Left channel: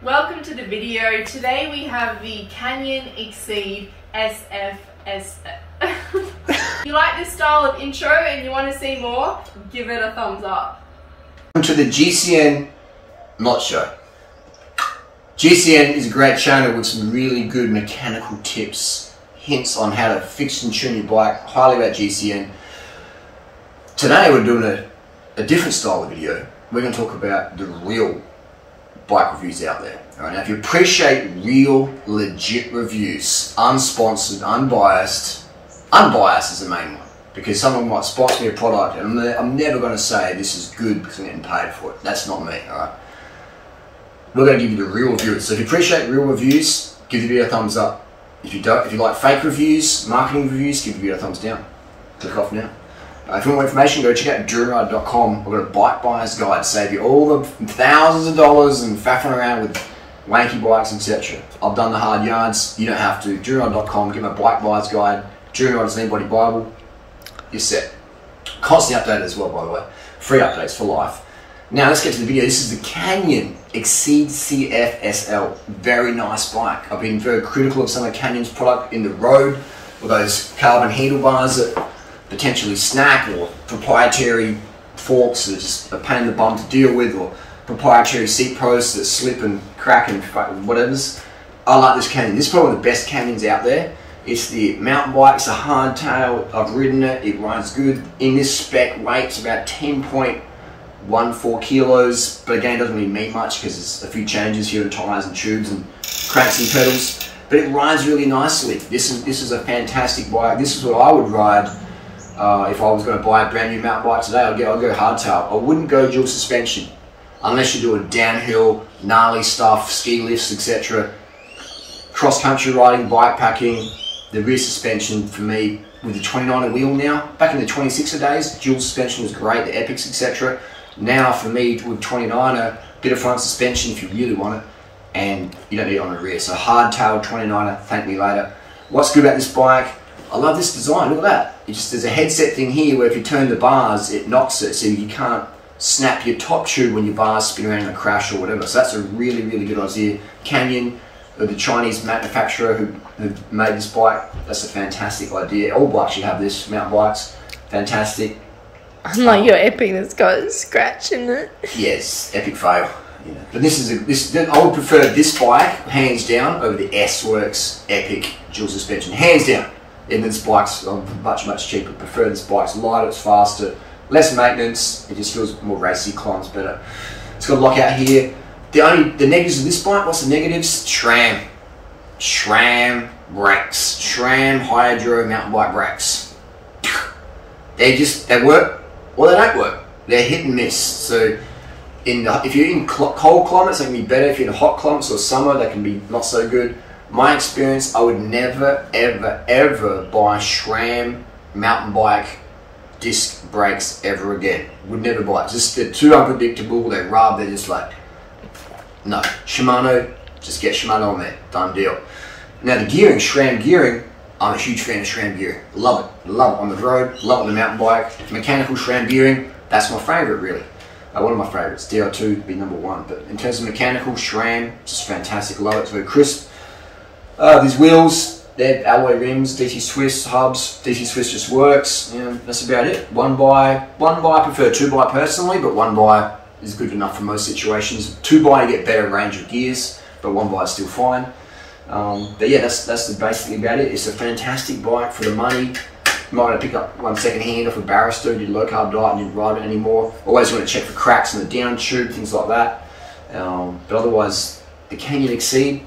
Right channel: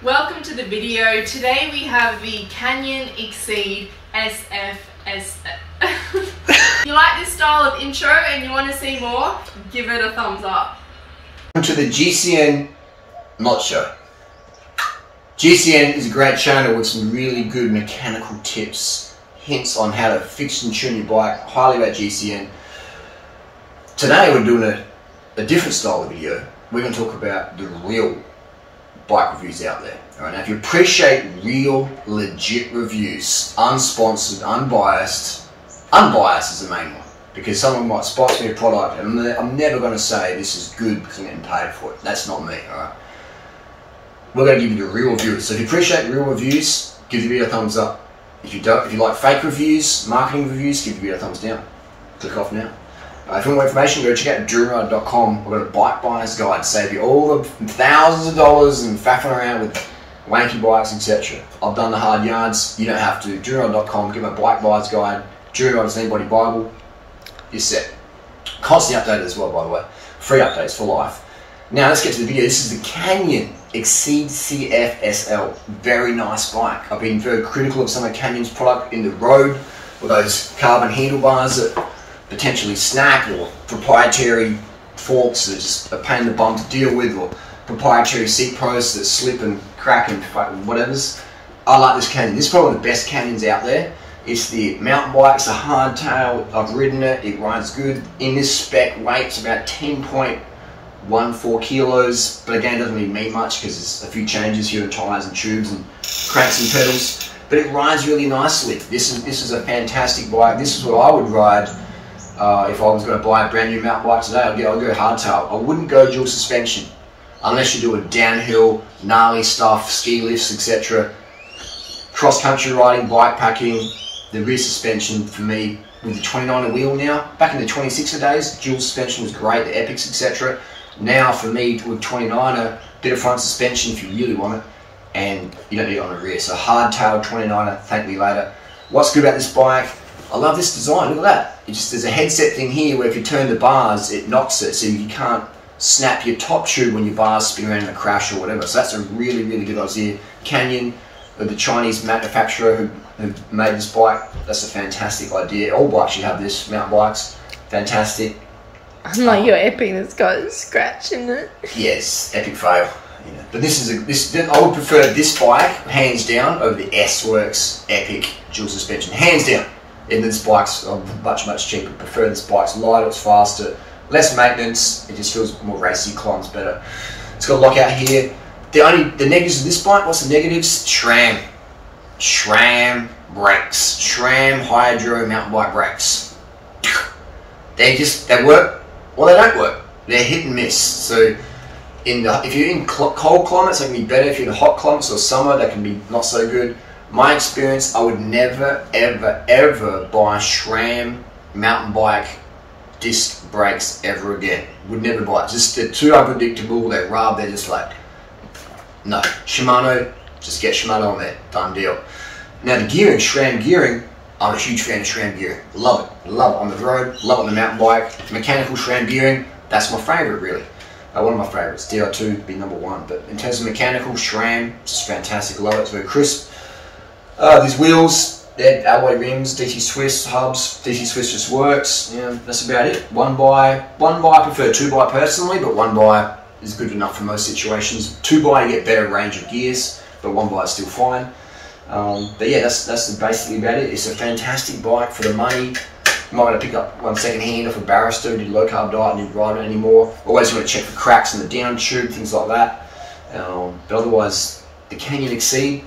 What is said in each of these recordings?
Welcome to the video. Today we have the Canyon Exceed SFS. If you like this style of intro and you want to see more, give it a thumbs up. Welcome to the GCN Not Show. GCN is a great channel with some really good mechanical tips, hints on how to fix and tune your bike. Highly rate GCN. Today we're doing a different style of video. We're going to talk about the real bike reviews out there. Alright, now if you appreciate real, legit reviews, unsponsored, unbiased is the main one. Because someone might sponsor me a product and I'm never going to say this is good because I'm getting paid for it. That's not me, alright? We're going to give you the real reviews. So if you appreciate real reviews, give the video a thumbs up. If you don't, if you like fake reviews, marketing reviews, give the video a thumbs down. Click off now. If you want more information, go check out durianrider.com. We've got a bike buyer's guide to save you all the thousands of dollars and faffing around with wanky bikes, etc. I've done the hard yards. You don't have to. durianrider.com. Get my bike buyer's guide. Durianrider's Lean Body Bible. You're set. Constantly updated as well, by the way. Free updates for life. Now let's get to the video. This is the Canyon Exceed CF-SL. Very nice bike. I've been very critical of some of Canyon's product in the road with those carbon handlebars that potentially snack, or proprietary forks that just a pain in the bum to deal with, or proprietary seat posts that slip and crack and whatever's. I like this Canyon. This is probably one of the best Canyons out there. It's the mountain bike, it's a hardtail. I've ridden it, it rides good. In this spec weight, it's about 10.14 kilos, but again, it doesn't really mean much because there's a few changes here in tyres and tubes and cranks and pedals, but it rides really nicely. This is a fantastic bike. This is what I would ride if I was going to buy a brand new mountain bike today. I'd go hardtail. I wouldn't go dual suspension unless you're doing downhill, gnarly stuff, ski lifts, etc. Cross-country riding, bike packing. The rear suspension for me with the 29er wheel now. Back in the 26er days, dual suspension was great, the Epics, etc. Now for me with 29er, bit of front suspension if you really want it, and you don't need it on the rear. So hardtail 29er, thank me later. What's good about this bike? I love this design, look at that. There's a headset thing here where if you turn the bars, it knocks it, so you can't snap your top tube when your bars spin around in a crash or whatever. So that's a really, really good idea. Canyon, the Chinese manufacturer who made this bike, that's a fantastic idea. All bikes should have this, mountain bikes, fantastic. Unlike your Epic that's got a scratch in it. Yes, Epic fail. Yeah. But I would prefer this bike, hands down, over the S-Works Epic dual suspension, hands down. And this bike's much cheaper. Prefer this bike's lighter, it's faster, less maintenance. It just feels more racy, climbs better. It's got a lockout here. The negatives of this bike, what's the negatives? SRAM brakes, SRAM hydro mountain bike brakes. They work or they don't work. They're hit and miss. So if you're in cold climates, they can be better. If you're in hot climates or summer, they can be not so good. My experience, I would never, ever buy SRAM mountain bike disc brakes ever again. Would never buy it. They're too unpredictable, they rub, they're just like, no. Shimano, just get Shimano on there, done deal. Now the gearing, SRAM gearing, I'm a huge fan of SRAM gearing. Love it on the road, love it on the mountain bike. Mechanical SRAM gearing, that's my favourite really. One of my favourites, DR2 would be #1, but in terms of mechanical, SRAM, just fantastic, love it, it's very crisp. These wheels, they're alloy rims, DC Swiss hubs. DC Swiss just works. Yeah, that's about it. One by, I prefer 2x personally, but 1x is good enough for most situations. 2x you get better range of gears, but 1x is still fine. But yeah, that's basically about it. It's a fantastic bike for the money. You might want to pick up one second hand off a barrister who did low carb diet and didn't ride it anymore. Always want to check for cracks in the down tube, things like that. But otherwise, the Canyon Exceed,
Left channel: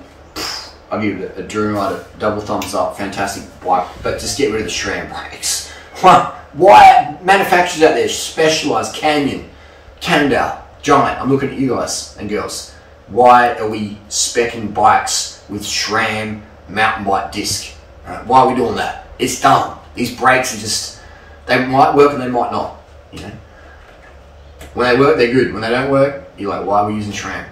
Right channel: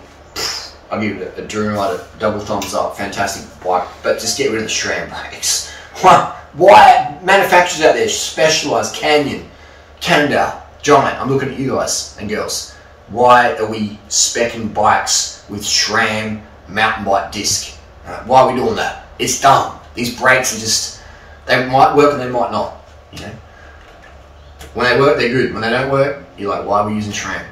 I'll give it a durianrider double thumbs up, fantastic bike, but just get rid of the SRAM brakes. Why manufacturers out there specialise, Canyon, Cannondale, Giant, I'm looking at you guys and girls. Why are we speccing bikes with SRAM mountain bike disc? Why are we doing that? It's dumb. These brakes are just, they might work and they might not, you know. When they work, they're good. When they don't work, you're like, why are we using SRAM?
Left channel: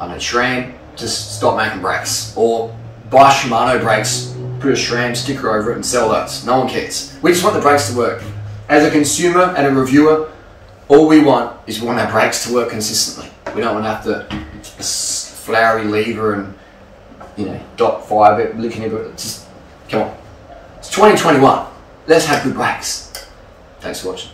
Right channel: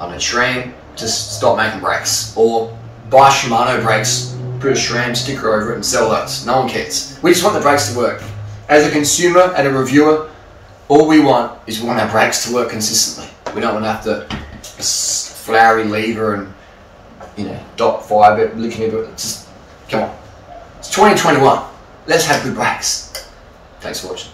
I mean, SRAM, just stop making brakes, or buy Shimano brakes, put a SRAM sticker over it and sell those. No one cares. We just want the brakes to work. As a consumer and a reviewer, all we want is we want our brakes to work consistently. We don't want to have to flowery lever and, you know, dot fibre, licking it, but just, come on. It's 2021. Let's have good brakes. Thanks for watching.